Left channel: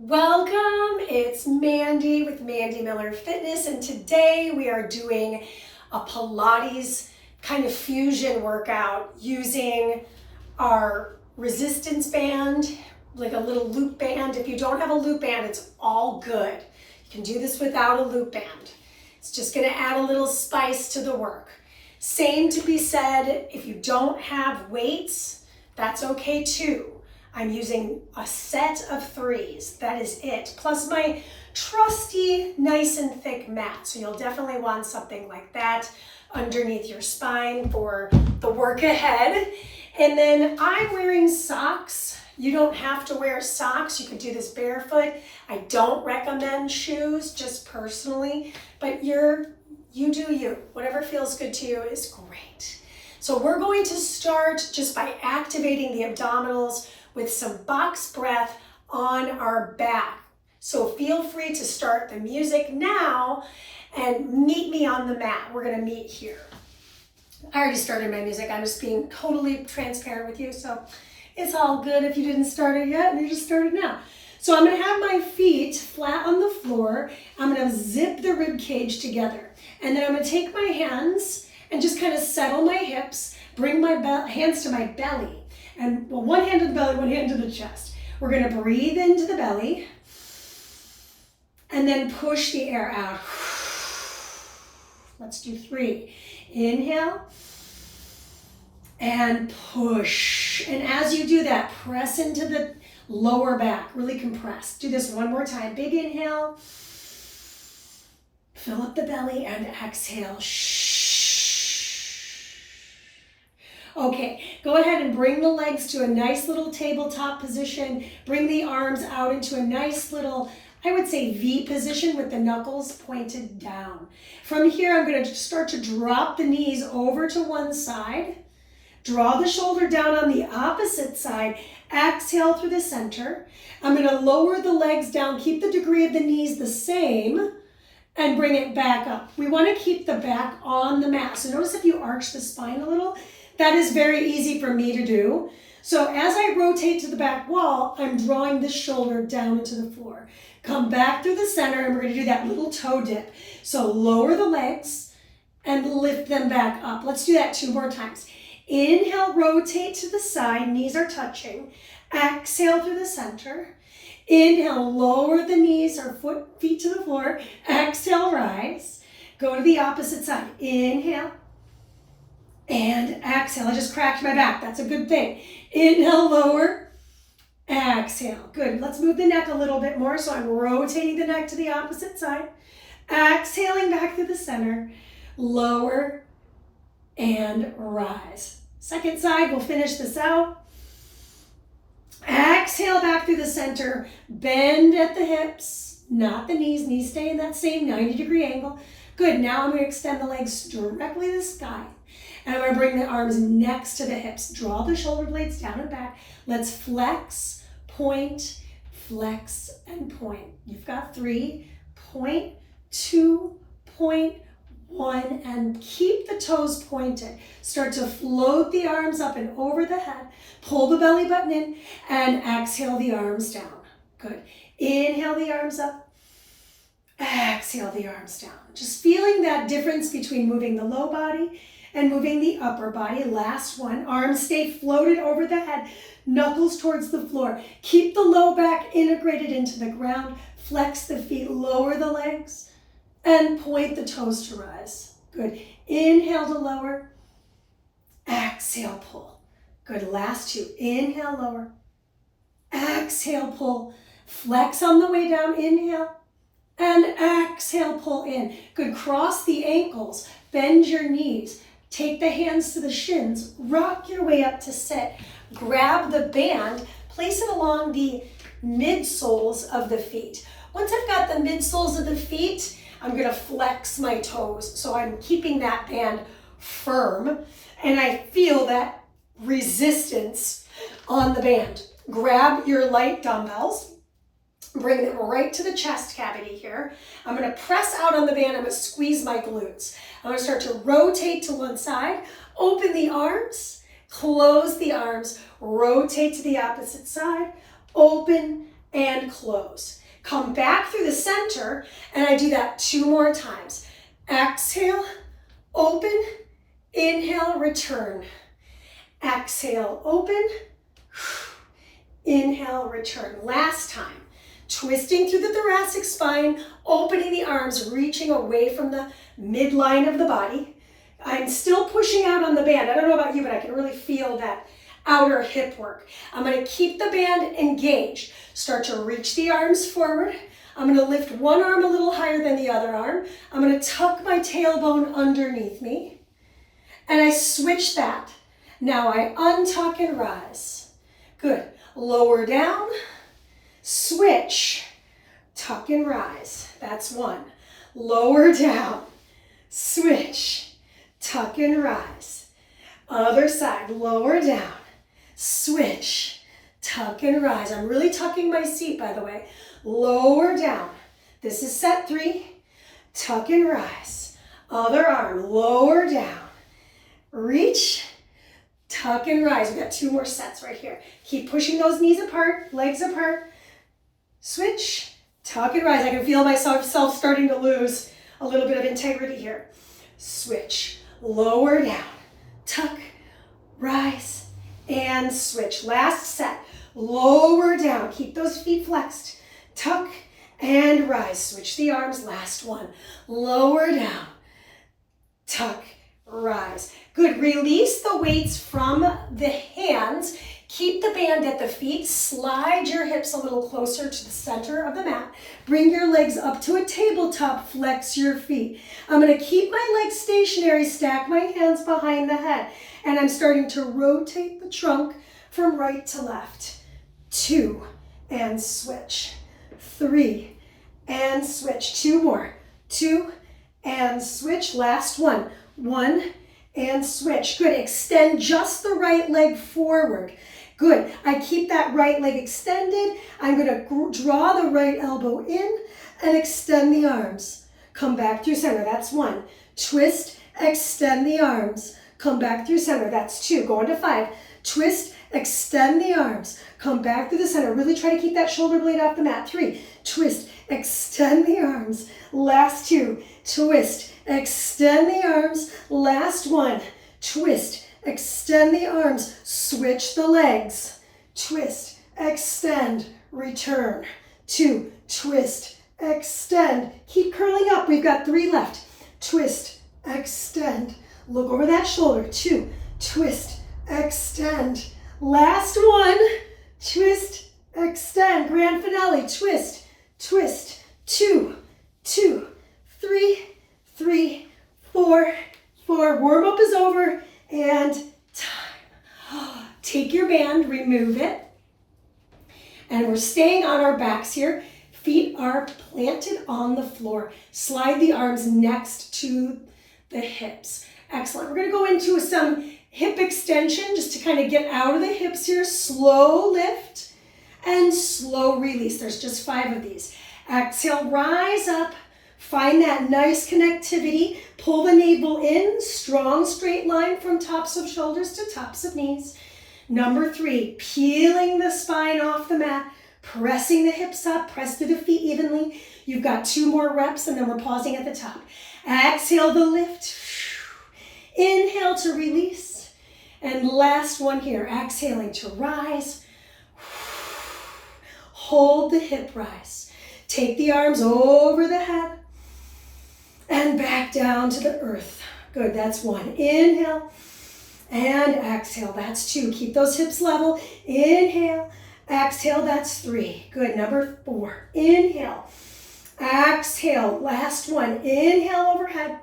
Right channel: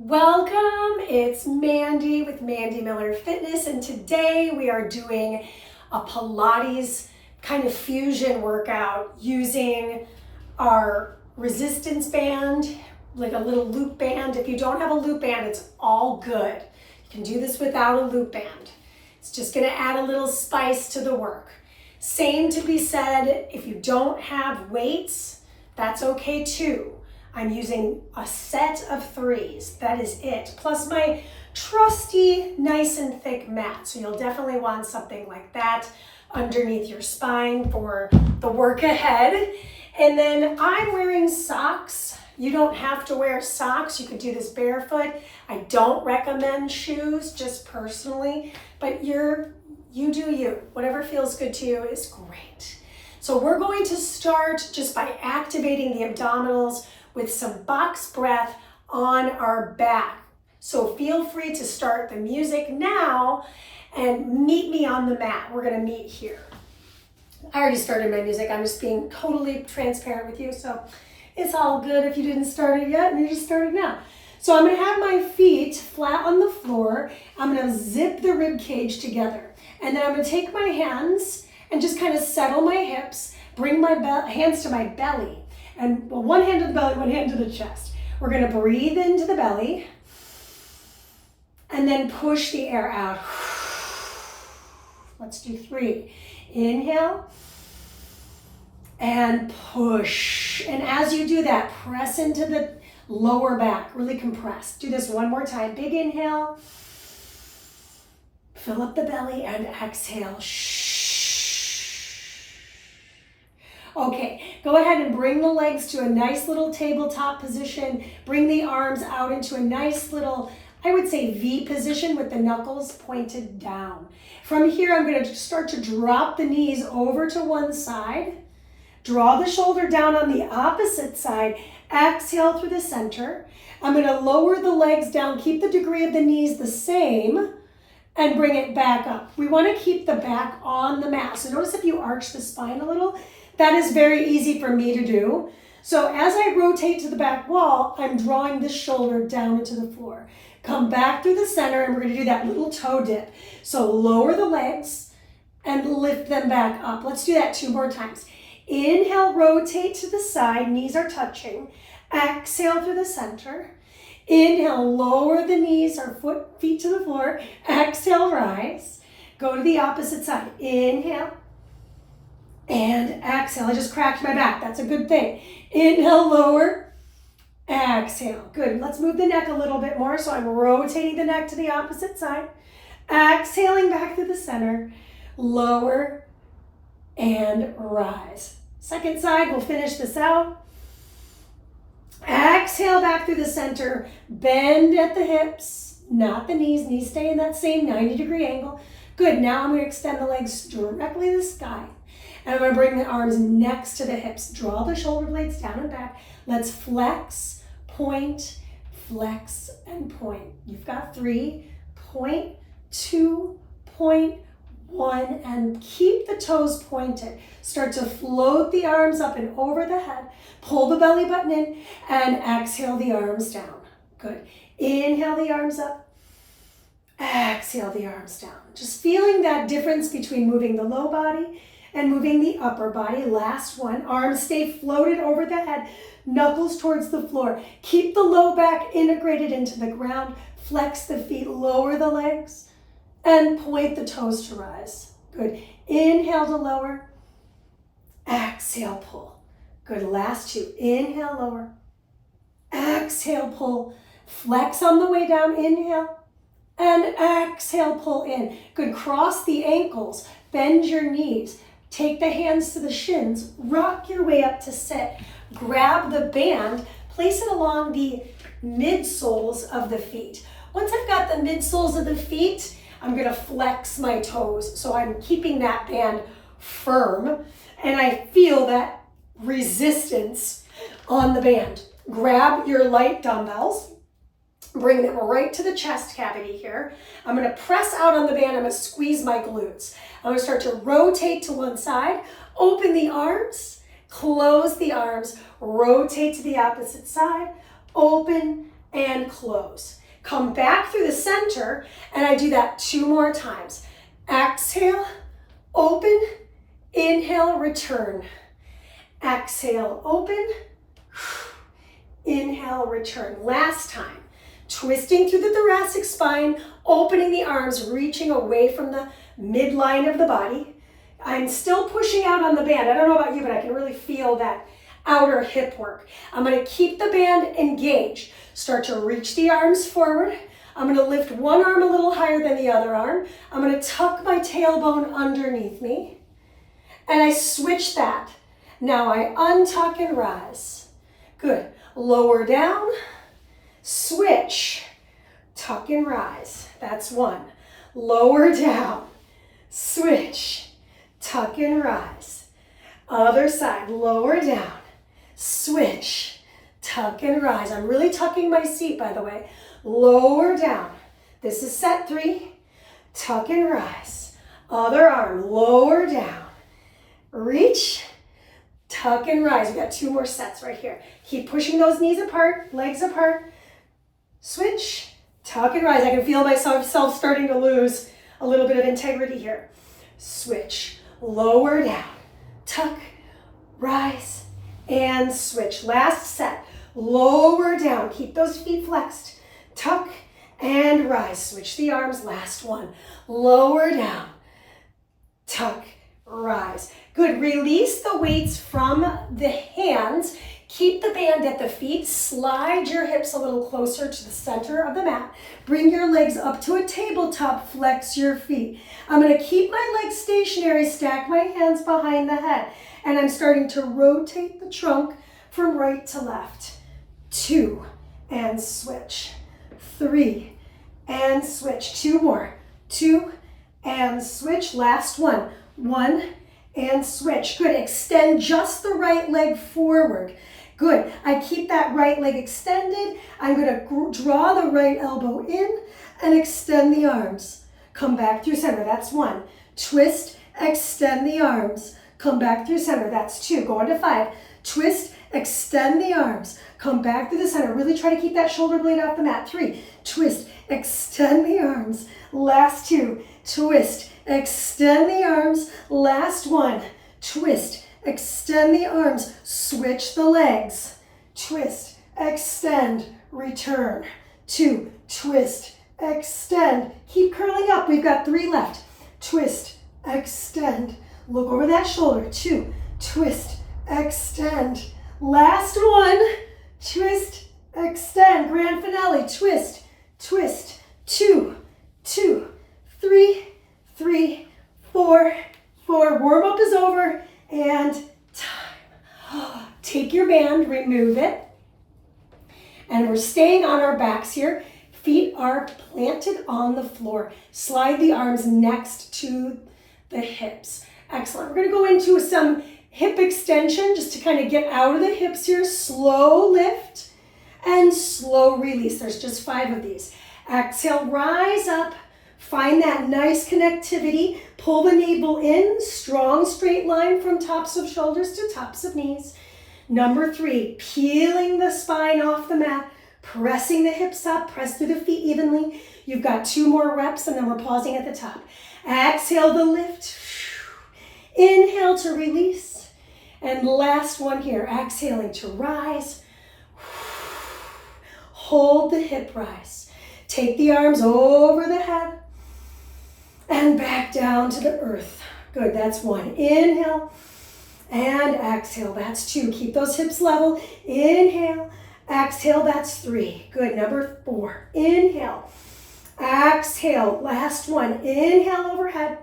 Welcome, it's Mandee with Mandee Miller Fitness, and today we are doing a Pilates kind of fusion workout using our resistance band, like a little loop band. If you don't have a loop band, it's all good. You can do this without a loop band. It's just gonna add a little spice to the work. Same to be said, if you don't have weights, that's okay too. I'm using a set of 3s, that is it, plus my trusty nice and thick mat. So you'll definitely want something like that underneath your spine for the work ahead. And then I'm wearing socks. You don't have to wear socks, you can do this barefoot. I don't recommend shoes, just personally, but you do you. Whatever feels good to you is great. So we're going to start just by activating the abdominals with some box breath on our back. So feel free to start the music now and meet me on the mat. We're gonna meet here. I already started my music. I'm just being totally transparent with you. So it's all good if you didn't start it yet and you just started now. So I'm gonna have my feet flat on the floor. I'm gonna zip the rib cage together. And then I'm gonna take my hands and just kind of settle my hips, bring my hands to my belly. And well, one hand to the belly, one hand to the chest. We're gonna breathe into the belly and then push the air out. Let's do 3. Inhale and push. And as you do that, press into the lower back, really compress. Do this one more time. Big inhale, fill up the belly and exhale. Okay, go ahead and bring the legs to a nice little tabletop position. Bring the arms out into a nice little, I would say V position with the knuckles pointed down. From here, I'm gonna start to drop the knees over to one side. Draw the shoulder down on the opposite side. Exhale through the center. I'm gonna lower the legs down, keep the degree of the knees the same, and bring it back up. We wanna keep the back on the mat. So notice if you arch the spine a little, that is very easy for me to do. So as I rotate to the back wall, I'm drawing the shoulder down into the floor. Come back through the center and we're gonna do that little toe dip. So lower the legs and lift them back up. Let's do that 2 more times. Inhale, rotate to the side, knees are touching. Exhale through the center. Inhale, lower the knees or feet to the floor. Exhale, rise. Go to the opposite side. Inhale. And exhale. I just cracked my back. That's a good thing. Inhale, lower. Exhale. Good. Let's move the neck a little bit more. So I'm rotating the neck to the opposite side. Exhaling back to the center. Lower and rise. Second side, we'll finish this out. Exhale back through the center. Bend at the hips, not the knees. Knees stay in that same 90-degree angle. Good. Now I'm going to extend the legs directly to the sky. And I'm going to bring the arms next to the hips. Draw the shoulder blades down and back. Let's flex, point, flex, and point. You've got 3, point, 2, point, 1, and keep the toes pointed. Start to float the arms up and over the head. Pull the belly button in and exhale the arms down. Good. Inhale the arms up. Exhale the arms down. Just feeling that difference between moving the low body and moving the upper body. Last one. Arms stay floated over the head. Knuckles towards the floor. Keep the low back integrated into the ground. Flex the feet. Lower the legs. And point the toes to rise. Good. Inhale to lower. Exhale, pull. Good. Last 2. Inhale, lower. Exhale, pull. Flex on the way down. Inhale. And exhale, pull in. Good. Cross the ankles. Bend your knees. Take the hands to the shins, rock your way up to sit. Grab the band, place it along the midsoles of the feet. Once I've got the midsoles of the feet, I'm gonna flex my toes. So I'm keeping that band firm and I feel that resistance on the band. Grab your light dumbbells, bring them right to the chest cavity here. I'm gonna press out on the band, I'm gonna squeeze my glutes. I'm gonna start to rotate to one side, open the arms, close the arms, rotate to the opposite side, open, and close. Come back through the center, and I do that 2 more times. Exhale, open, inhale, return. Exhale, open, inhale, return. Last time. Twisting through the thoracic spine, opening the arms, reaching away from the midline of the body. I'm still pushing out on the band. I don't know about you, but I can really feel that outer hip work. I'm going to keep the band engaged. Start to reach the arms forward. I'm going to lift one arm a little higher than the other arm. I'm going to tuck my tailbone underneath me. And I switch that. Now I untuck and rise. Good. Lower down. Switch. Tuck and rise. That's 1. Lower down. Switch. Tuck and rise. Other side. Lower down. Switch. Tuck and rise. I'm really tucking my seat, by the way. Lower down. This is set 3. Tuck and rise. Other arm. Lower down. Reach. Tuck and rise. We've got 2 more sets right here. Keep pushing those knees apart, legs apart. Switch. Tuck and rise. I can feel myself starting to lose a little bit of integrity here. Switch. Lower down. Tuck. Rise. And switch. Last set. Lower down. Keep those feet flexed. Tuck and rise. Switch the arms. Last one. Lower down. Tuck. Rise. Good. Release the weights from the hands. Keep the band at the feet. Slide your hips a little closer to the center of the mat. Bring your legs up to a tabletop. Flex your feet. I'm going to keep my legs stationary. Stack my hands behind the head. And I'm starting to rotate the trunk from right to left. 2 and switch. 3 and switch. 2 more. 2 and switch. Last one. 1 and switch. Good. Extend just the right leg forward. Good. I keep that right leg extended. I'm going to draw the right elbow in and extend the arms. Come back through center. That's 1. Twist, extend the arms. Come back through center. That's 2. Go on to 5. Twist, extend the arms. Come back through the center. Really try to keep that shoulder blade off the mat. 3. Twist, extend the arms. Last 2. Twist, extend the arms. Last 1. Twist, extend the arms. Switch the legs. Twist, extend, return. 2. Twist, extend. Keep curling up. We've got 3 left. Twist, extend. Look over that shoulder. 2. Twist, extend. Last 1. Twist, extend. Grand finale. Twist, twist. 2, 2, 3, 3, 4, 4. Warm up is over and time. Take your band, remove it. And we're staying on our backs here. Feet are planted on the floor. Slide the arms next to the hips. Excellent. We're going to go into some hip extension just to kind of get out of the hips here. Slow lift and slow release. There's just 5 of these. Exhale, rise up. Find that nice connectivity. Pull the navel in. Strong straight line from tops of shoulders to tops of knees. Number 3, peeling the spine off the mat. Pressing the hips up. Press through the feet evenly. You've got 2 more reps and then we're pausing at the top. Exhale the lift. Inhale to release. And last one here. Exhaling to rise. Hold the hip rise. Take the arms over the head. And back down to the earth. Good, that's 1. Inhale and exhale. That's 2. Keep those hips level. Inhale, exhale. That's 3. Good, number 4. Inhale, exhale. Last 1. Inhale overhead.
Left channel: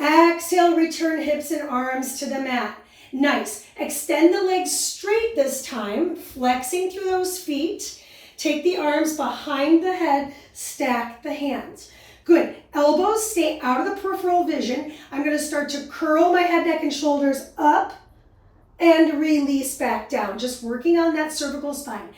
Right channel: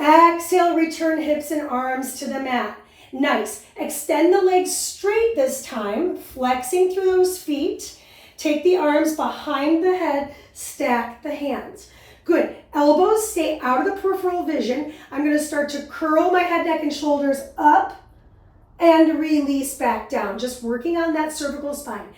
Exhale, return hips and arms to the mat. Nice. Extend the legs straight this time, flexing through those feet. Take the arms behind the head, stack the hands. Good. Elbows stay out of the peripheral vision. I'm going to start to curl my head, neck, and shoulders up and release back down. Just working on that cervical spine.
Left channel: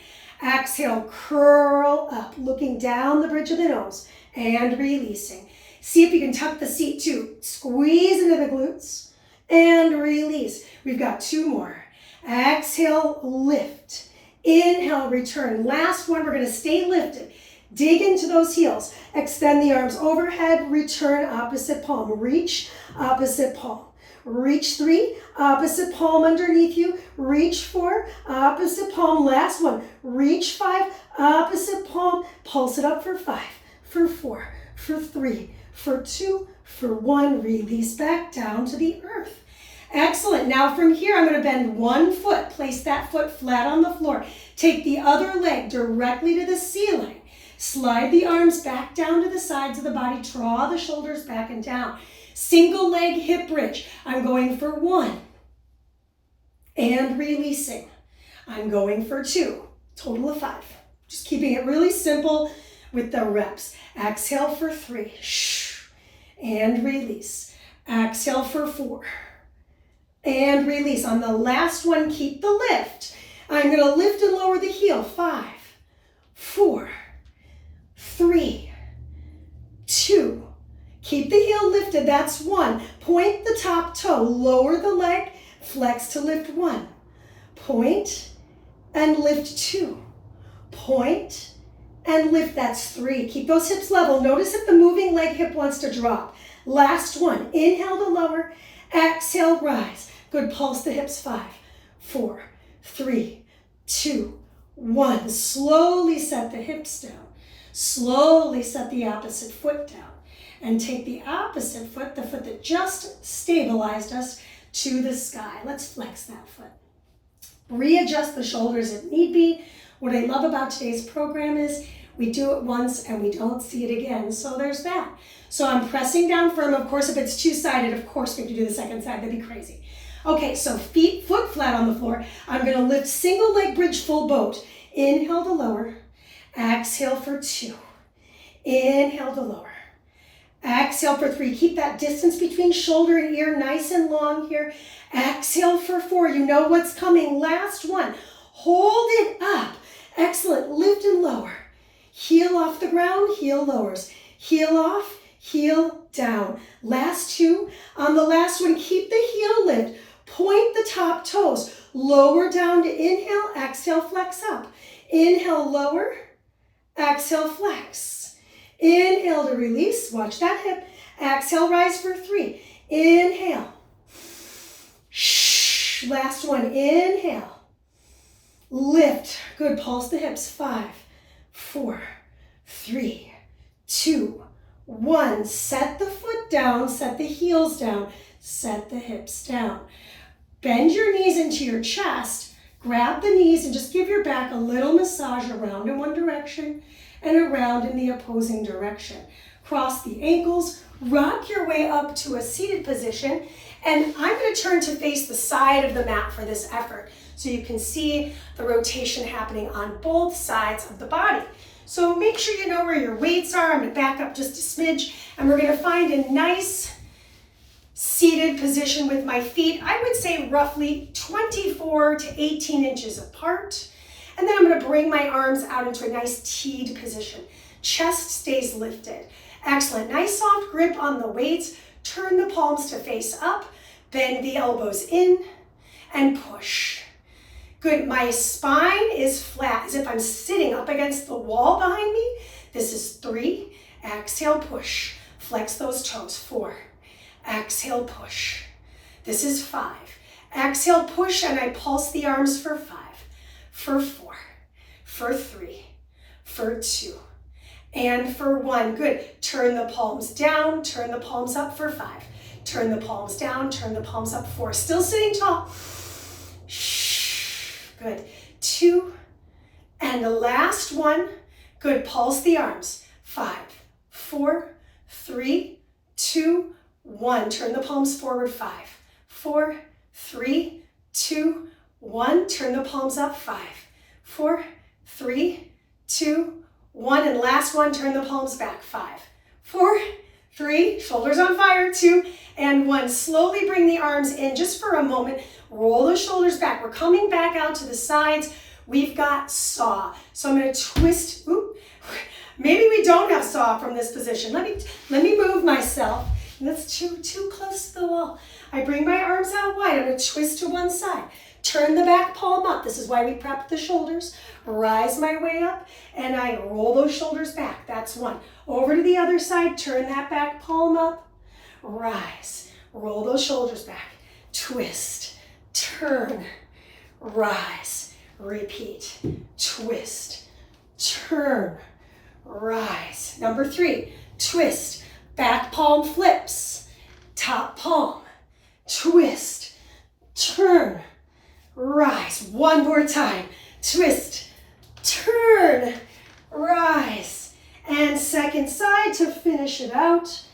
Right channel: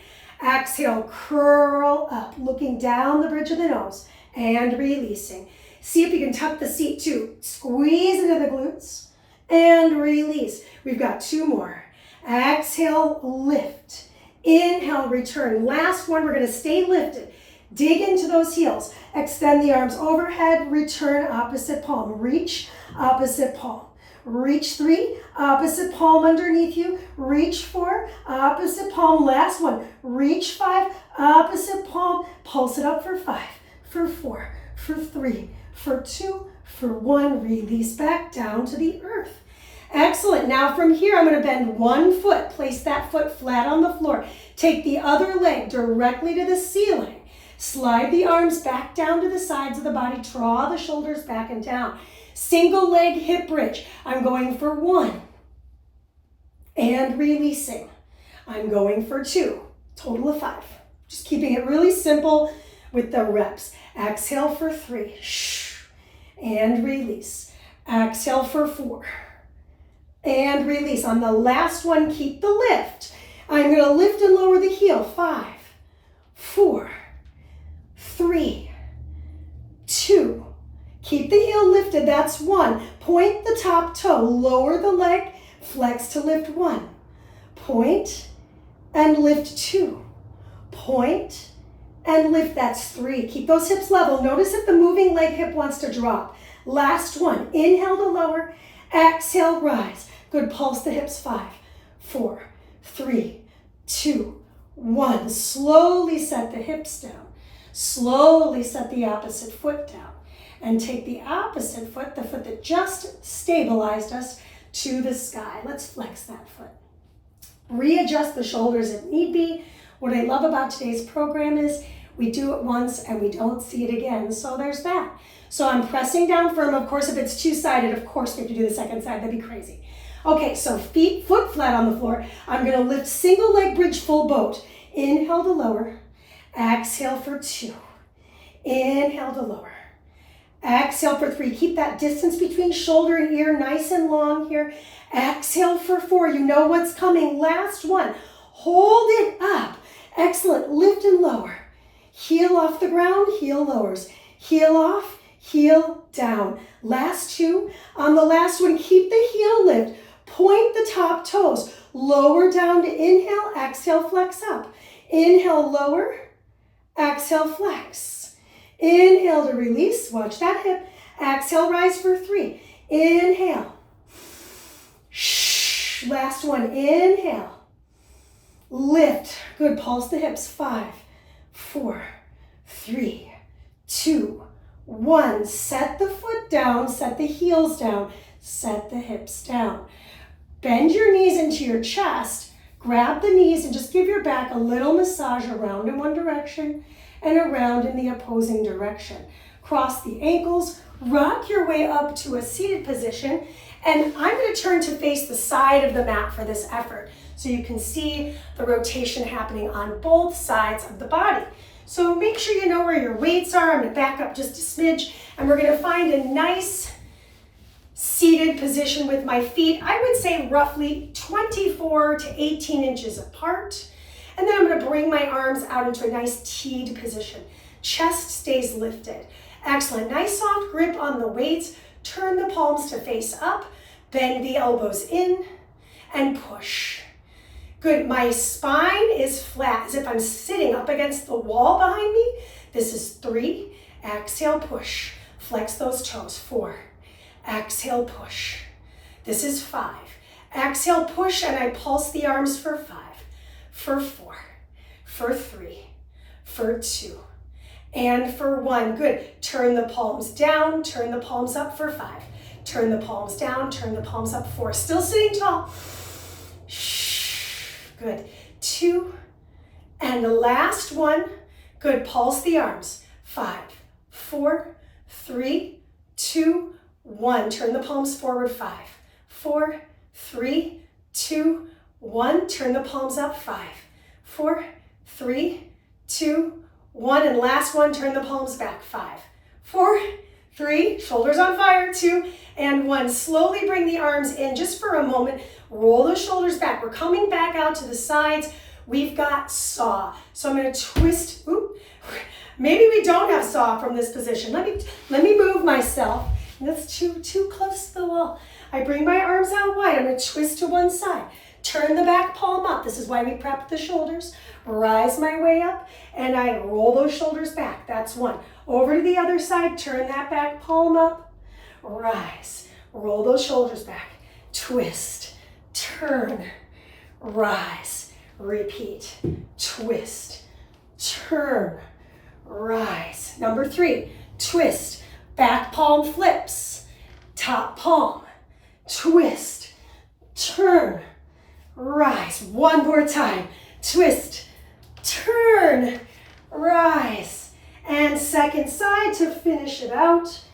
Exhale, curl up, looking down the bridge of the nose and releasing. See if you can tuck the seat too. Squeeze into the glutes and release. We've got 2 more. Exhale, lift. Inhale, return. Last one, we're gonna stay lifted. Dig into those heels. Extend the arms overhead, return opposite palm. Reach, opposite palm. Reach 3, opposite palm underneath you. Reach 4, opposite palm. Last one, reach 5, opposite palm. Pulse it up for 5, for 4, for 3, for 2, for 1. Release back down to the earth. Excellent. Now from here, I'm going to bend one foot. Place that foot flat on the floor. Take the other leg directly to the ceiling. Slide the arms back down to the sides of the body. Draw the shoulders back and down. Single leg hip bridge. I'm going for 1. And releasing. I'm going for 2. Total of 5. Just keeping it really simple with the reps. Exhale for 3. And release. Exhale for 4. And release. On the last one, keep the lift. I'm going to lift and lower the heel. 5, 4, 3, 2. Keep the heel lifted. That's 1. Point the top toe. Lower the leg. Flex to lift 1. Point and lift 2. Point and lift. That's 3. Keep those hips level. Notice if the moving leg hip wants to drop. Last one. Inhale to lower. Exhale, rise. Good. Pulse the hips. 5, 4, 3, 2, 1. Slowly set the hips down. Slowly set the opposite foot down. And take the opposite foot, the foot that just stabilized us, to the sky. Let's flex that foot. Readjust the shoulders if need be. What I love about today's program is we do it once and we don't see it again. So there's that. So I'm pressing down firm. Of course, if it's two-sided, of course we have to do the second side. That'd be crazy. Okay, so foot flat on the floor. I'm going to lift single leg bridge full boat. Inhale to lower. Exhale for 2. Inhale to lower. Exhale for 3. Keep that distance between shoulder and ear nice and long here. Exhale for 4. You know what's coming. Last one. Hold it up. Excellent. Lift and lower. Heel off the ground. Heel lowers. Heel off. Heel down. Last 2. On the last one, keep the heel lift. Point the top toes. Lower down to inhale. Exhale, flex up. Inhale, lower. Exhale, flex. Inhale to release. Watch that hip. Exhale, rise for 3. Inhale. Last one. Inhale. Lift. Good. Pulse the hips. 5, 4, 3, 2, 1. Set the foot down. Set the heels down. Set the hips down. Bend your knees into your chest. Grab the knees and just give your back a little massage around in one direction and around in the opposing direction. Cross the ankles, rock your way up to a seated position, and I'm going to turn to face the side of the mat for this effort so you can see the rotation happening on both sides of the body. So make sure you know where your weights are. I'm going to back up just a smidge, and we're going to find a nice seated position with my feet, I would say roughly 24 to 18 inches apart. And then I'm going to bring my arms out into a nice teed position. Chest stays lifted. Excellent. Nice soft grip on the weights. Turn the palms to face up. Bend the elbows in and push. Good. My spine is flat as if I'm sitting up against the wall behind me. This is 3. Exhale, push. Flex those toes. 4. Exhale, push. This is 5. Exhale, push, and I pulse the arms for 5, for 4, for 3, for 2, and for 1. Good. Turn the palms down, turn the palms up for 5. Turn the palms down, turn the palms up 4. Still sitting tall. Good. 2, and the last one. Good. Pulse the arms. 5, 4, 3, 2, 1. Turn the palms forward. 5, 4, 3, 2, 1. Turn the palms up. 5, 4, 3, 2, 1. And last one, turn the palms back. 5, 4, 3, shoulders on fire. 2 and 1. Slowly bring the arms in just for a moment. Roll the shoulders back. We're coming back out to the sides. We've got saw. So I'm going to twist. Oop. Maybe we don't have saw from this position. Let me move myself. That's too close to the wall. I bring my arms out wide. I'm going to twist to one side. Turn the back palm up. This is why we prep the shoulders. Rise my way up, and I roll those shoulders back. That's one. Over to the other side, turn that back palm up. Rise, roll those shoulders back. Twist, turn, rise, repeat. Twist, turn, rise. Number 3, twist, back palm flips, top palm, twist, turn, rise. One more time. Twist, turn, rise. And second side to finish it out.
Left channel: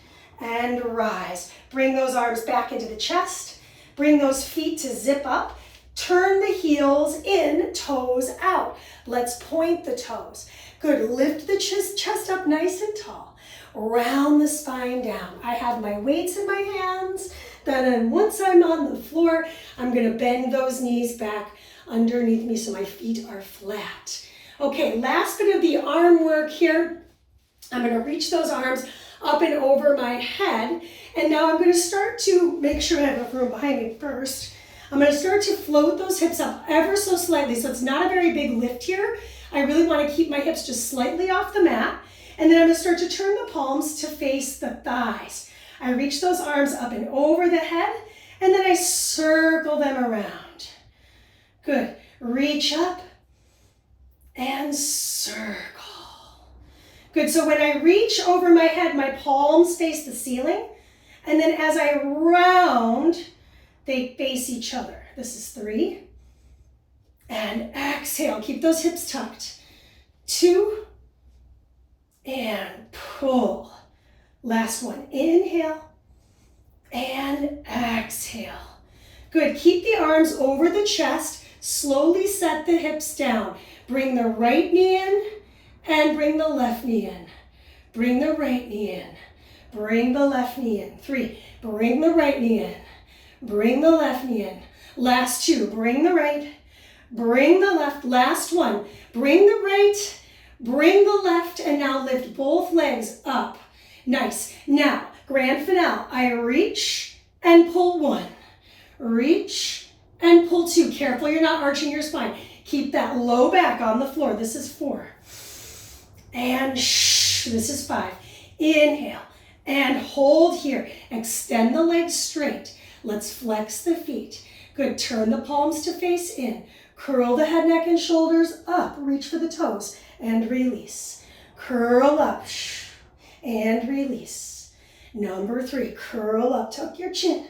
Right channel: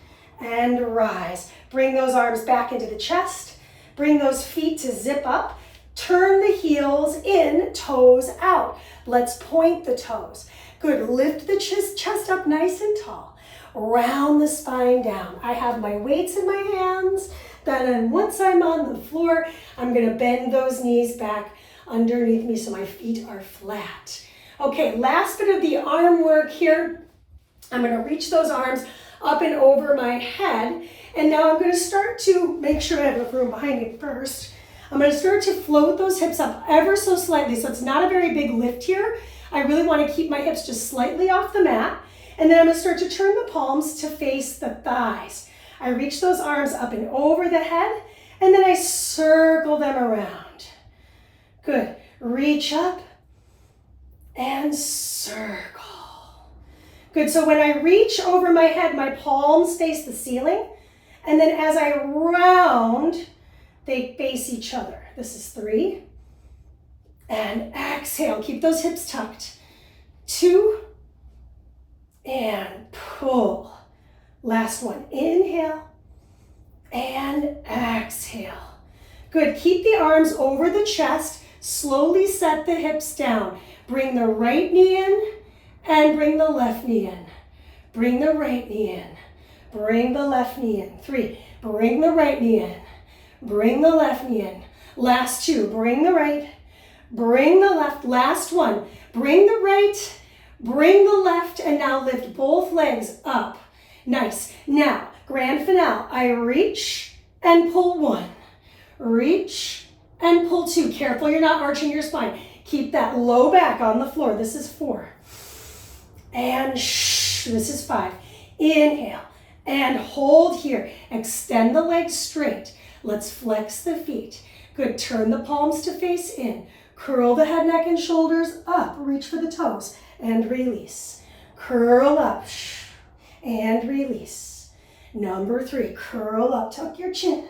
And rise. Bring those arms back into the chest. Bring those feet to zip up. Turn the heels in, toes out. Let's point the toes. Good. Lift the chest up nice and tall. Round the spine down. I have my weights in my hands. Then once I'm on the floor, I'm going to bend those knees back underneath me so my feet are flat. Okay, last bit of the arm work here. I'm going to reach those arms up and over my head. And now I'm going to start to make sure I have enough room behind me first. I'm going to start to float those hips up ever so slightly. So it's not a very big lift here. I really want to keep my hips just slightly off the mat. And then I'm going to start to turn the palms to face the thighs. I reach those arms up and over the head, and then I circle them around. Good. Reach up and circle. Good. So when I reach over my head, my palms face the ceiling. And then as I round, they face each other. This is 3. And exhale. Keep those hips tucked. 2. And pull. Last one. Inhale and exhale. Good. Keep the arms over the chest. Slowly set the hips down. Bring the right knee in and bring the left knee in. Bring the right knee in. Bring the left knee in. 3. Bring the right knee in. Bring the left knee in. Last 2. Bring the right. Bring the left. Last 1. Bring the right. Bring the left. And now lift both legs up. Nice. Now, grand finale. I reach and pull 1. Reach and pull 2. Careful you're not arching your spine. Keep that low back on the floor. This is 4. And this is 5. Inhale and hold here. Extend the legs straight. Let's flex the feet. Good. Turn the palms to face in. Curl the head, neck, and shoulders up. Reach for the toes and release. Curl up and release. Number 3, curl up. Tuck your chin.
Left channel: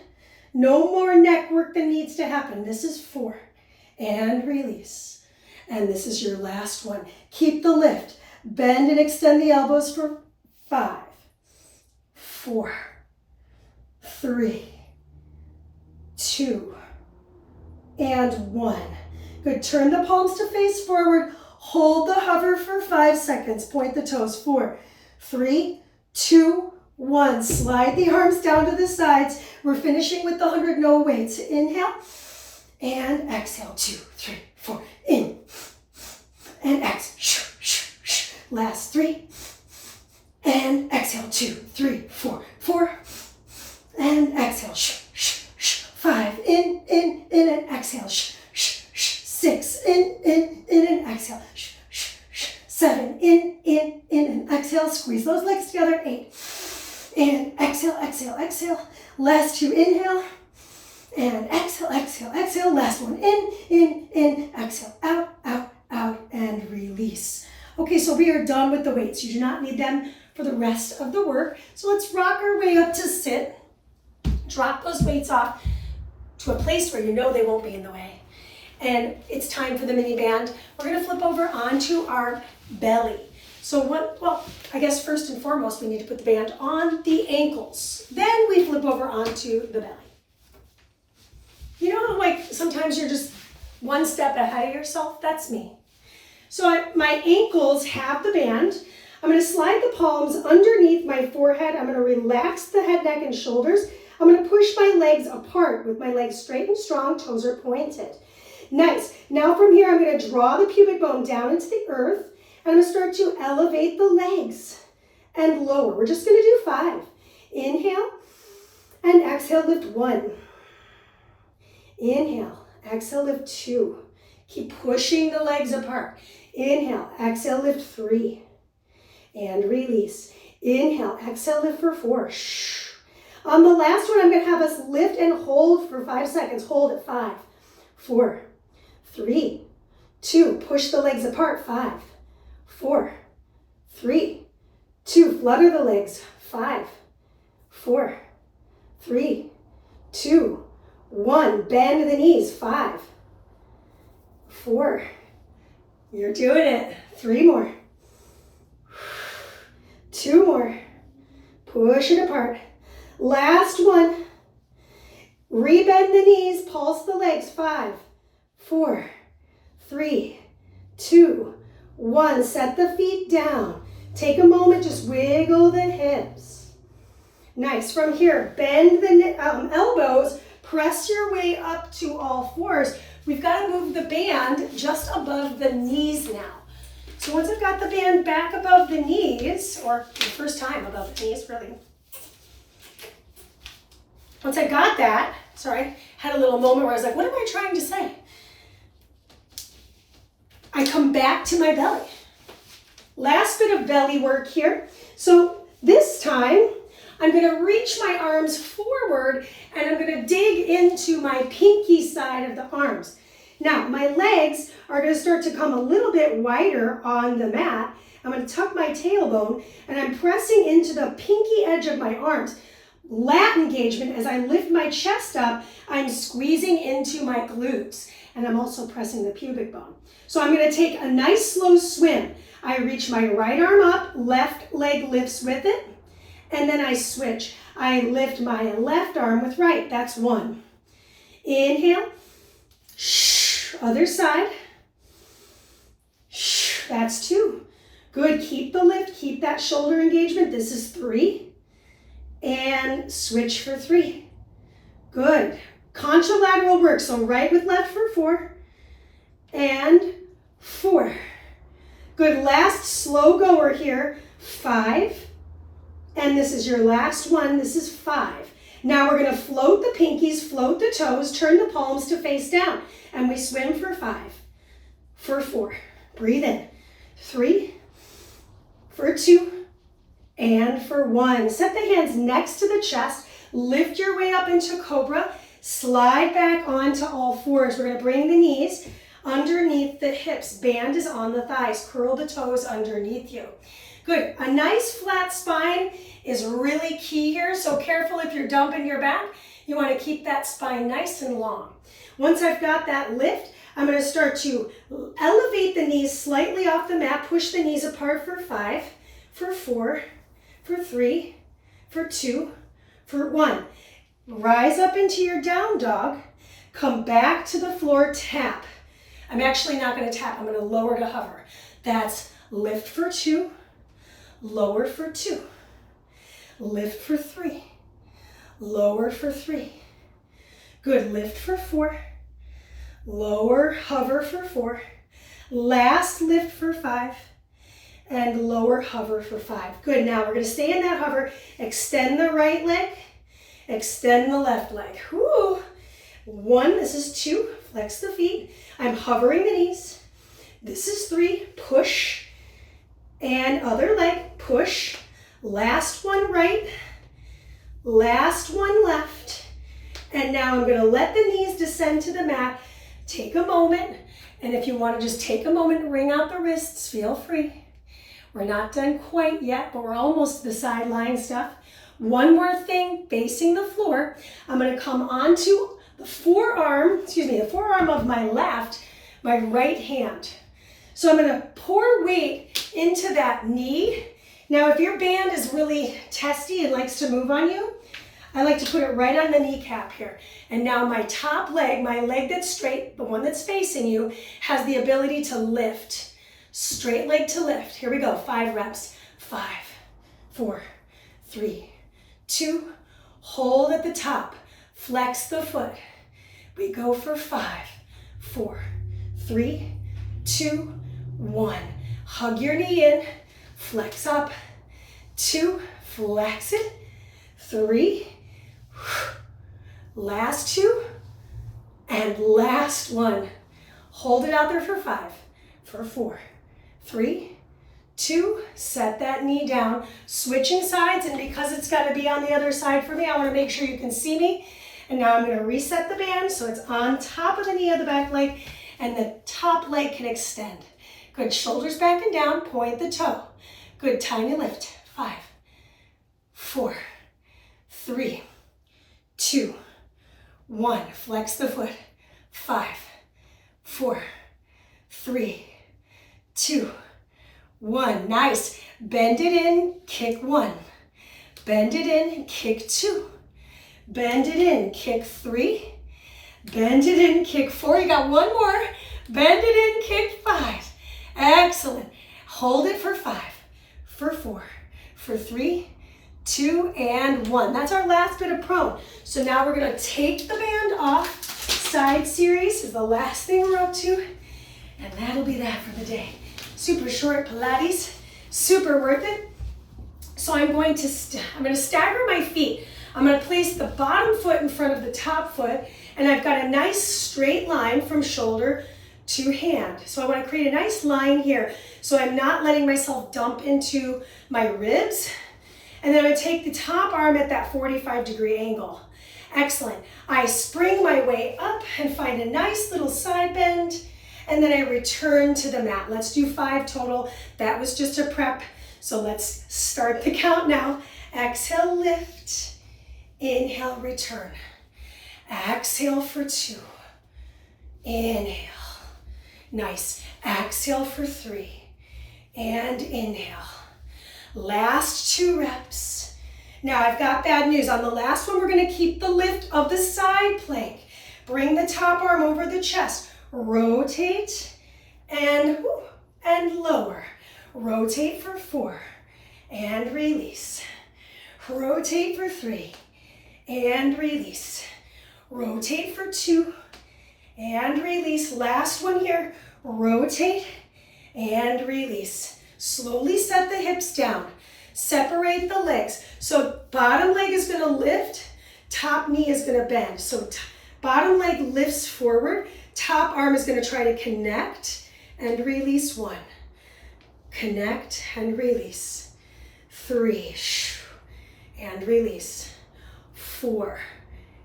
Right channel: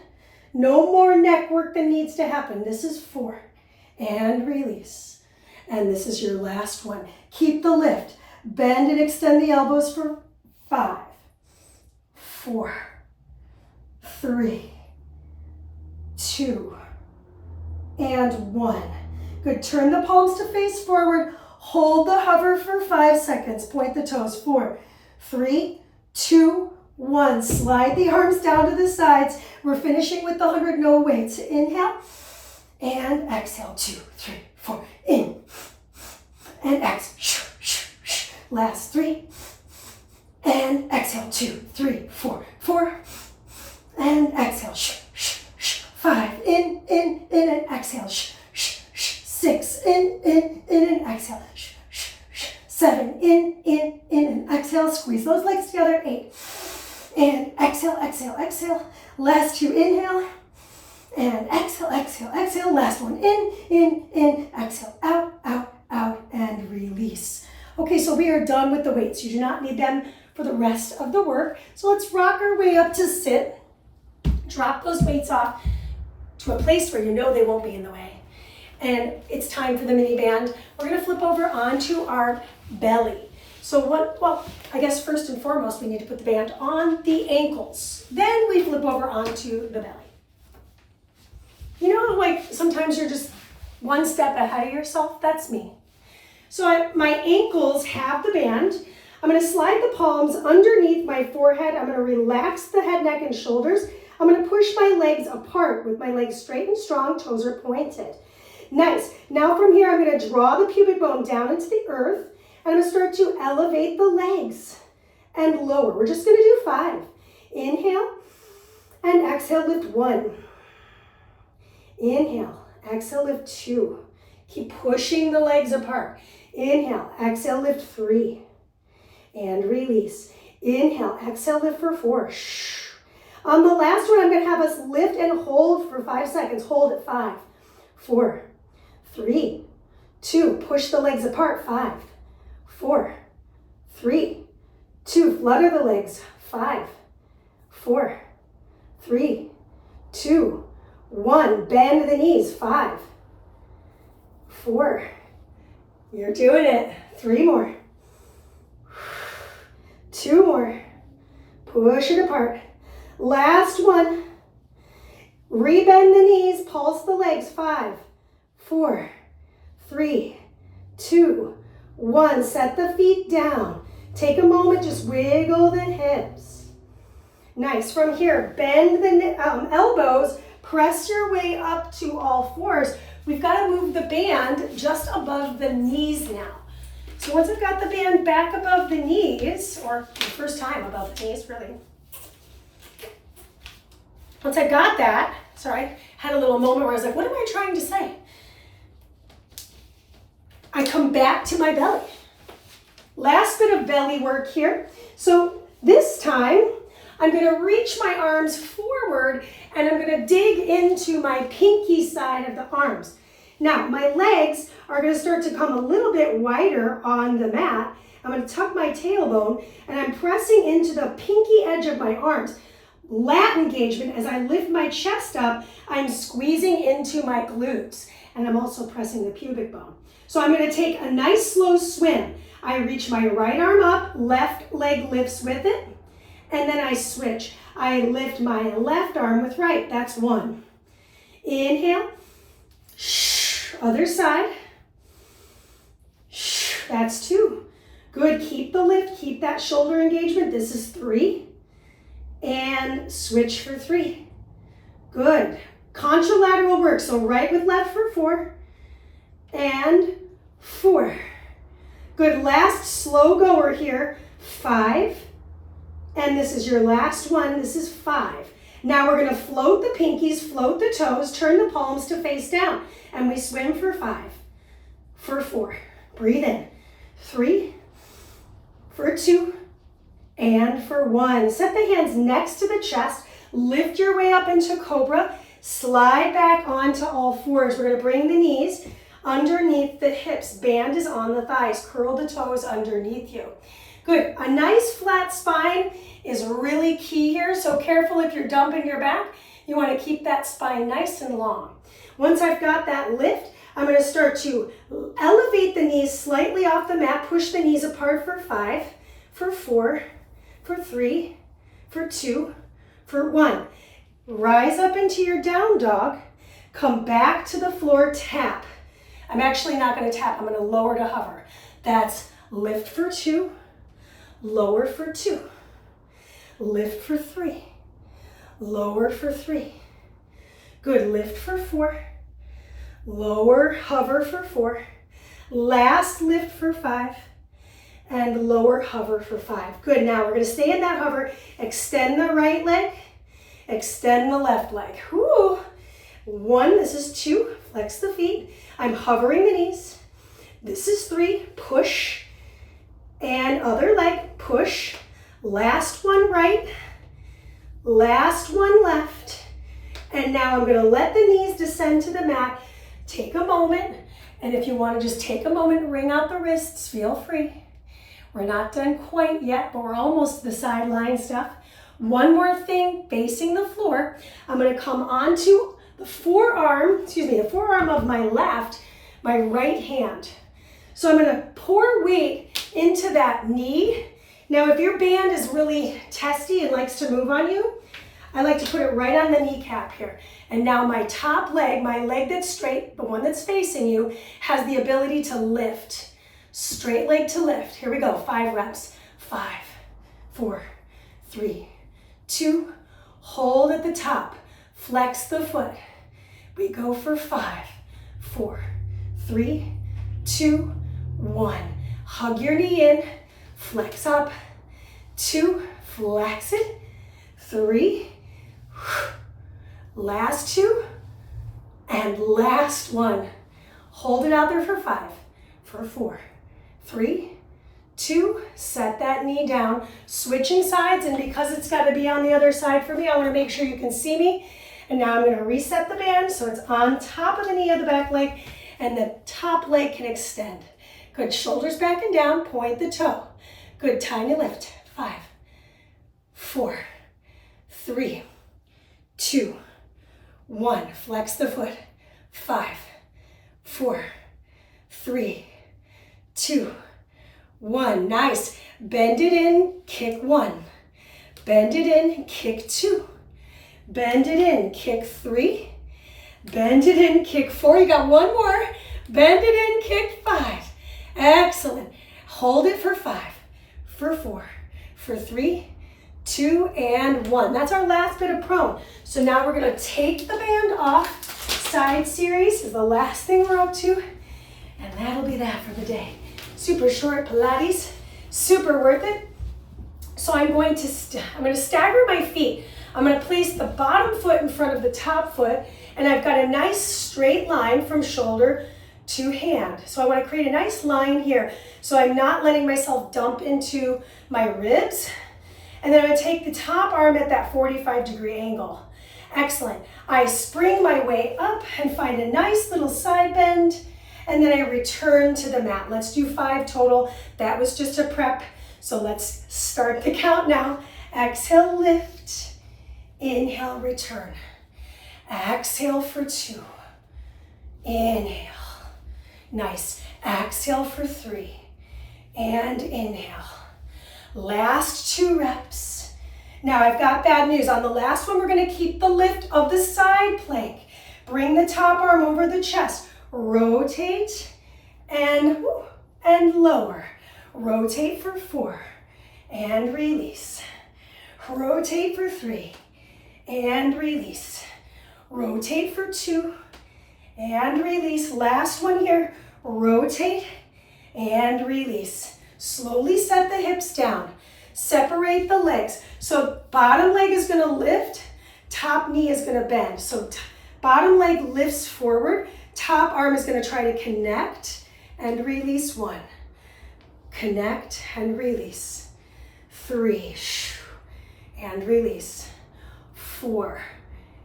No more neck work that needs to happen. This is 4. And release. And this is your last one. Keep the lift. Bend and extend the elbows for 5, 4, 3, 2, and 1. Good. Turn the palms to face forward. Hold the hover for 5 seconds. Point the toes. 4, 3, 2, 1. Slide the arms down to the sides. We're finishing with the 100 no weights. Inhale and exhale. 2, 3, 4. In and exhale. Last 3 and exhale. 2, 3, 4, 4 and exhale. 5. In and exhale. 6. In and exhale. 7. In and exhale. Squeeze those legs together. 8. And exhale, exhale, exhale. Last 2, inhale. And exhale, exhale, exhale. Last one, in, exhale, out, out, out, and release. Okay, so we are done with the weights. You do not need them for the rest of the work. So let's rock our way up to sit. Drop those weights off to a place where you know they won't be in the way. And it's time for the mini band. We're gonna flip over onto our belly. So well, I guess first and foremost, we need to put the band on the ankles. Then we flip over onto the belly. You know, like sometimes you're just one step ahead of yourself? That's me. So my ankles have the band. I'm gonna slide the palms underneath my forehead. I'm gonna relax the head, neck, and shoulders. I'm gonna push my legs apart with my legs straight and strong, toes are pointed. Nice. Now from here, I'm gonna draw the pubic bone down into the earth. And I'm gonna start to elevate the legs and lower. We're just gonna do 5. Inhale and exhale, lift 1. Inhale exhale, lift 2. Keep pushing the legs apart. Inhale, exhale, lift 3. And release. Inhale, exhale, lift for 4. Shh. On the last one, I'm going to have us lift and hold for 5 seconds. Hold at 5, 4, 3, 2. Push the legs apart. 5, 4, 3, 2. Flutter the legs. 5, 4, 3, 2, 1. Bend the knees. 5, 4. You're doing it. 3 more. 2 more. Push it apart. Last one. Rebend the knees. Pulse the legs. 5, 4, 3, 2, 1. Set the feet down. Take a moment. Just wiggle the hips. Nice. From here, bend the elbows. Press your way up to all fours. We've got to move the band just above the knees now. So once I've got the band back above the knees, or the first time above the knees, really. Once I got that, sorry, had a little moment where I was like, what am I trying to say? I come back to my belly. Last bit of belly work here. So this time, I'm going to reach my arms forward and I'm going to dig into my pinky side of the arms. Now, my legs are going to start to come a little bit wider on the mat. I'm going to tuck my tailbone and I'm pressing into the pinky edge of my arms. Lat engagement, as I lift my chest up, I'm squeezing into my glutes and I'm also pressing the pubic bone. So I'm going to take a nice slow swim. I reach my right arm up, left leg lifts with it, and then I switch. I lift my left arm with right. That's 1. Inhale. Other side. That's 2. Good. Keep the lift. Keep that shoulder engagement. This is 3. And switch for 3. Good. Contralateral work. So right with left for 4. And 4. Good. Last slow goer here. 5. And this is your last one. This is 5. Now we're going to float the pinkies, float the toes, turn the palms to face down. And we swim for 5, for 4. Breathe in. 3, for 2, and for 1. Set the hands next to the chest. Lift your way up into cobra. Slide back onto all fours. We're going to bring the knees underneath the hips. Band is on the thighs. Curl the toes underneath you. Good. A nice flat spine is really key here. So careful if you're dumping your back. You want to keep that spine nice and long. Once I've got that lift, I'm going to start to elevate the knees slightly off the mat. Push the knees apart for 5, for 4, for 3, for 2, for 1. Rise up into your down dog. Come back to the floor, tap. I'm actually not going to tap. I'm going to lower to hover. That's lift for 2, lower for 2, lift for 3, lower for 3. Good. Lift for 4, lower, hover for 4, last lift for 5, and lower, hover for 5. Good. Now we're going to stay in that hover. Extend the right leg, extend the left leg. Whoo. 1, this is 2, flex the feet. I'm hovering the knees. This is 3, push, and other leg, push. Last one right, last one left. And now I'm going to let the knees descend to the mat. Take a moment, and if you want to just take a moment and wring out the wrists, feel free. We're not done quite yet, but we're almost to the sideline stuff. One more thing, facing the floor. I'm going to come onto the forearm of my left, my right hand. So I'm going to pour weight into that knee. Now, if your band is really testy and likes to move on you, I like to put it right on the kneecap here. And now my top leg, my leg that's straight, the one that's facing you, has the ability to lift. Straight leg to lift. Here we go. 5 reps. 5, 4, 3, 2. Hold at the top. Flex the foot. We go for 5, 4, 3, 2, 1. Hug your knee in. Flex up. 2. Flex it. 3. Last 2. And last one. Hold it out there for 5, for 4, 3, 2, set that knee down. Switching sides, and because it's got to be on the other side for me, I want to make sure you can see me. And now I'm going to reset the band so it's on top of the knee of the back leg, and the top leg can extend. Good, shoulders back and down, point the toe. Good, tiny lift. 5, 4, 3, 2, 1. Flex the foot. 5, 4, 3, 2, 1. Nice. Bend it in, kick 1. Bend it in, kick 2. Bend it in, kick 3. Bend it in, kick 4. You got one more. Bend it in, kick 5. Excellent. Hold it for 5, for 4, for 3, 2, and 1. That's our last bit of prone. So now we're going to take the band off. Side series is the last thing we're up to. And that'll be that for the day. Super short Pilates, super worth it. So I'm going to stagger my feet. I'm going to place the bottom foot in front of the top foot, and I've got a nice straight line from shoulder to hand. So I want to create a nice line here, so I'm not letting myself dump into my ribs. And then I'm going to take the top arm at that 45-degree angle. Excellent. I spring my way up and find a nice little side bend, and then I return to the mat. Let's do 5 total. That was just a prep. So let's start the count now. Exhale, lift. Inhale, return. Exhale for 2. Inhale. Nice. Exhale for 3. And inhale. Last 2 reps. Now I've got bad news. On the last one, we're going to keep the lift of the side plank. Bring the top arm over the chest. Rotate and lower. Rotate for 4 and release. Rotate for 3 and release. Rotate for 2 and release. Last one here. Rotate and release. Slowly set the hips down. Separate the legs. So bottom leg is going to lift, top knee is going to bend. So bottom leg lifts forward, top arm is going to try to connect and release. 1. Connect and release. 3 and release. 4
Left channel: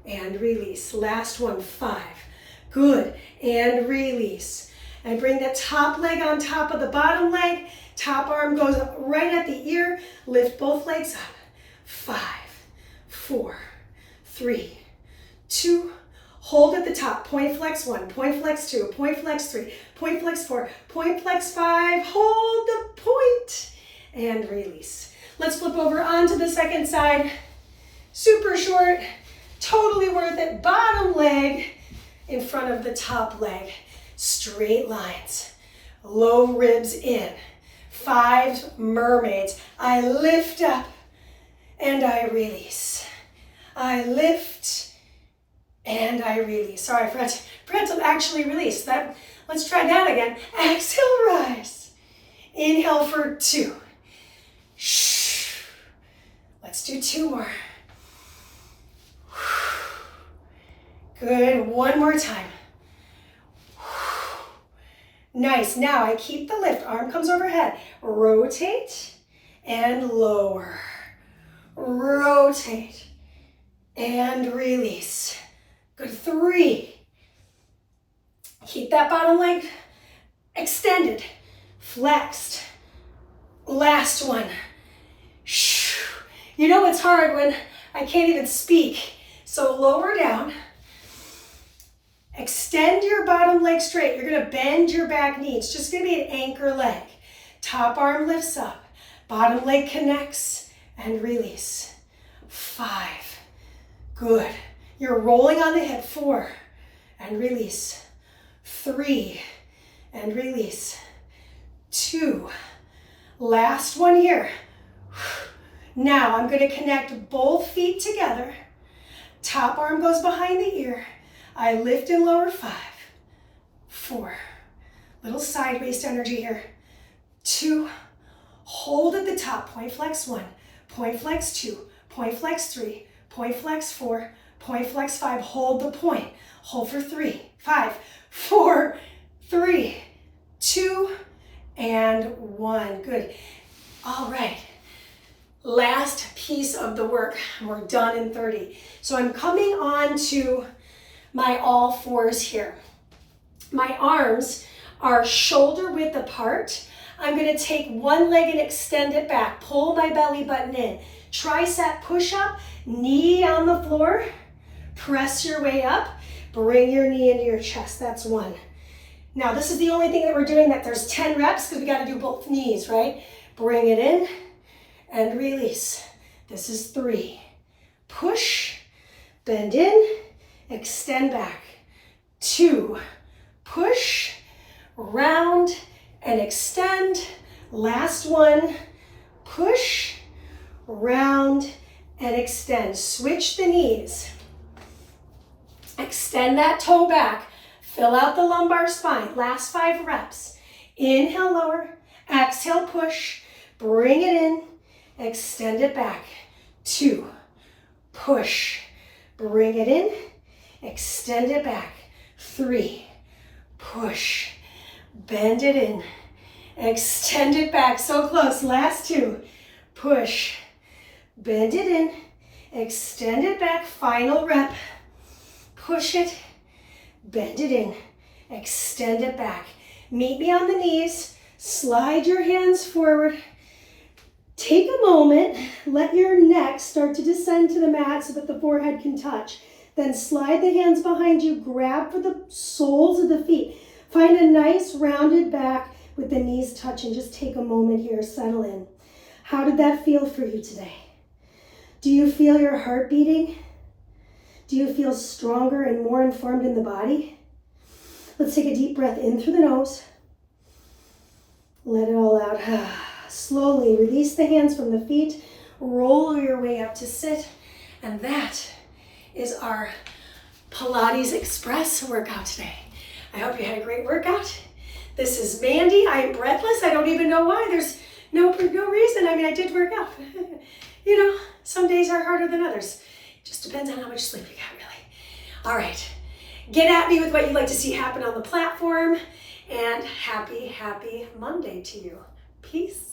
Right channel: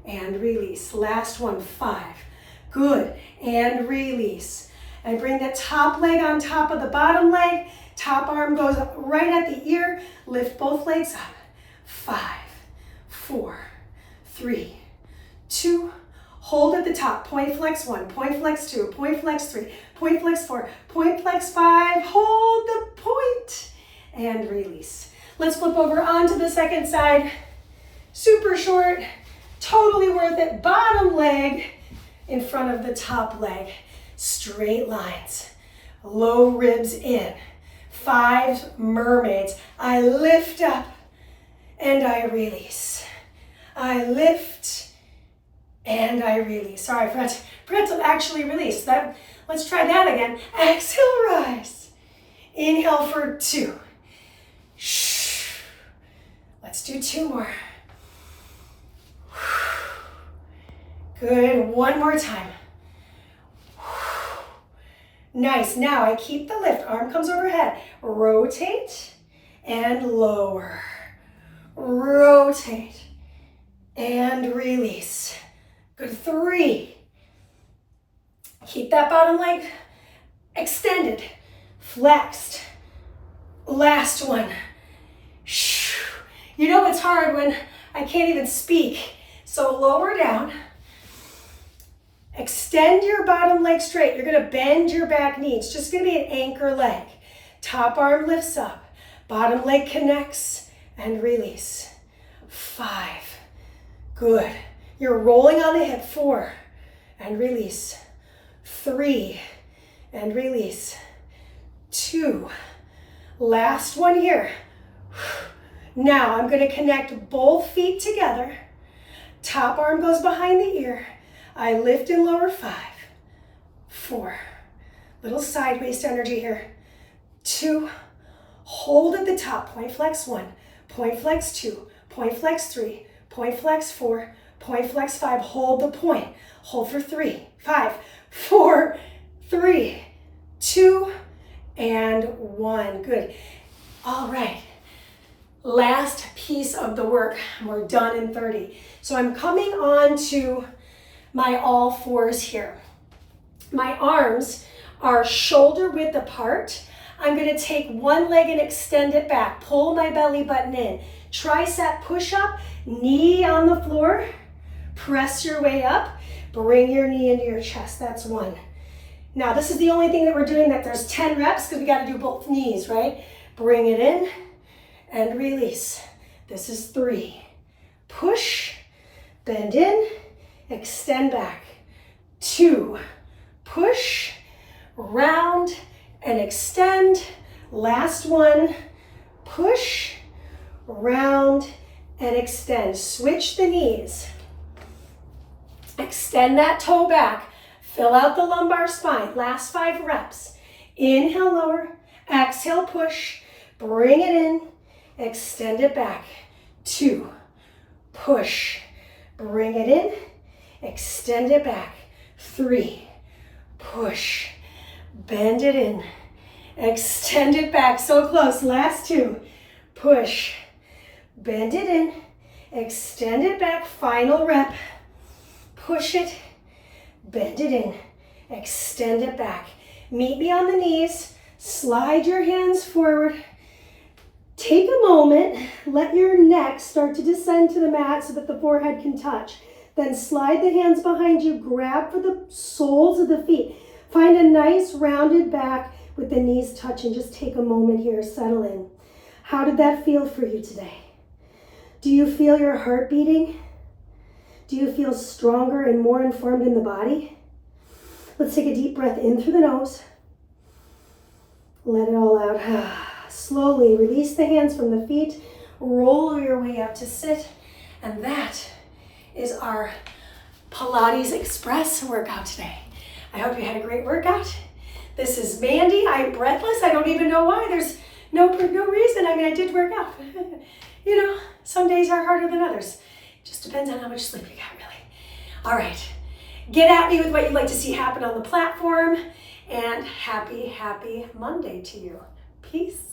and release. Last one. 5. Good. And release. And bring the top leg on top of the bottom leg. Top arm goes up right at the ear. Lift both legs up. 5, 4, 3, 2. Hold at the top. Point flex 1, point flex 2, point flex 3, point flex 4, point flex 5. Hold the point and release. Let's flip over onto the second side. Super short, totally worth it. Bottom leg in front of the top leg. Straight lines. Low ribs in. 5 mermaids. I lift up and I release. I lift and I release. Sorry, forgot to actually release. Let's try that again. Exhale, rise. Inhale for 2. Let's do 2 more. Good. One more time. Nice. Now I keep the lift. Arm comes overhead. Rotate and lower. Rotate and release. Good. 3. Keep that bottom leg extended, flexed. Last one. You know it's hard when I can't even speak. So lower down. Extend your bottom leg straight. You're going to bend your back knee. It's just going to be an anchor leg. Top arm lifts up. Bottom leg connects and release. 5. Good. You're rolling on the hip. 4 and release. 3 and release. 2. Last one here. Now I'm going to connect both feet together. Top arm goes behind the ear. I lift and lower. 5, 4. Little side waist energy here. 2. Hold at the top. Point flex 1. Point flex 2. Point flex 3. Point flex 4. Point flex 5, hold the point. Hold for 3, 5, 4, 3, 2, and 1. Good. All right. Last piece of the work. We're done in 30. So I'm coming on to my all fours here. My arms are shoulder width apart. I'm going to take one leg and extend it back. Pull my belly button in. Tricep push-up, knee on the floor. Press your way up. Bring your knee into your chest. That's 1. Now, this is the only thing that we're doing that there's 10 reps because we got to do both knees, right? Bring it in and release. This is 3. Push, bend in, extend back. 2. Push, round, and extend. Last one. Push, round, and extend. Switch the knees. Extend that toe back. Fill out the lumbar spine. Last 5 reps. Inhale, lower. Exhale, push. Bring it in. Extend it back. 2. Push. Bring it in. Extend it back. 3. Push. Bend it in. Extend it back. So close. Last 2. Push. Bend it in. Extend it back. Final rep. Push it. Bend it in. Extend it back. Meet me on the knees. Slide your hands forward. Take a moment. Let your neck start to descend to the mat so that the forehead can touch. Then slide the hands behind you. Grab for the soles of the feet. Find a nice rounded back with the knees touching. Just take a moment here. Settle in. How did that feel for you today? Do you feel your heart beating? Do you feel stronger and more informed in the body? Let's take a deep breath in through the nose. Let it all out. Slowly release the hands from the feet. Roll your way up to sit. And that is our Pilates Express workout today. I hope you had a great workout. This is Mandee. I'm breathless. I don't even know why. There's no reason. I mean, I did work out. You know, some days are harder than others. It just depends on how much sleep you got, really. All right. Get at me with what you'd like to see happen on the platform. And happy Monday to you. Peace.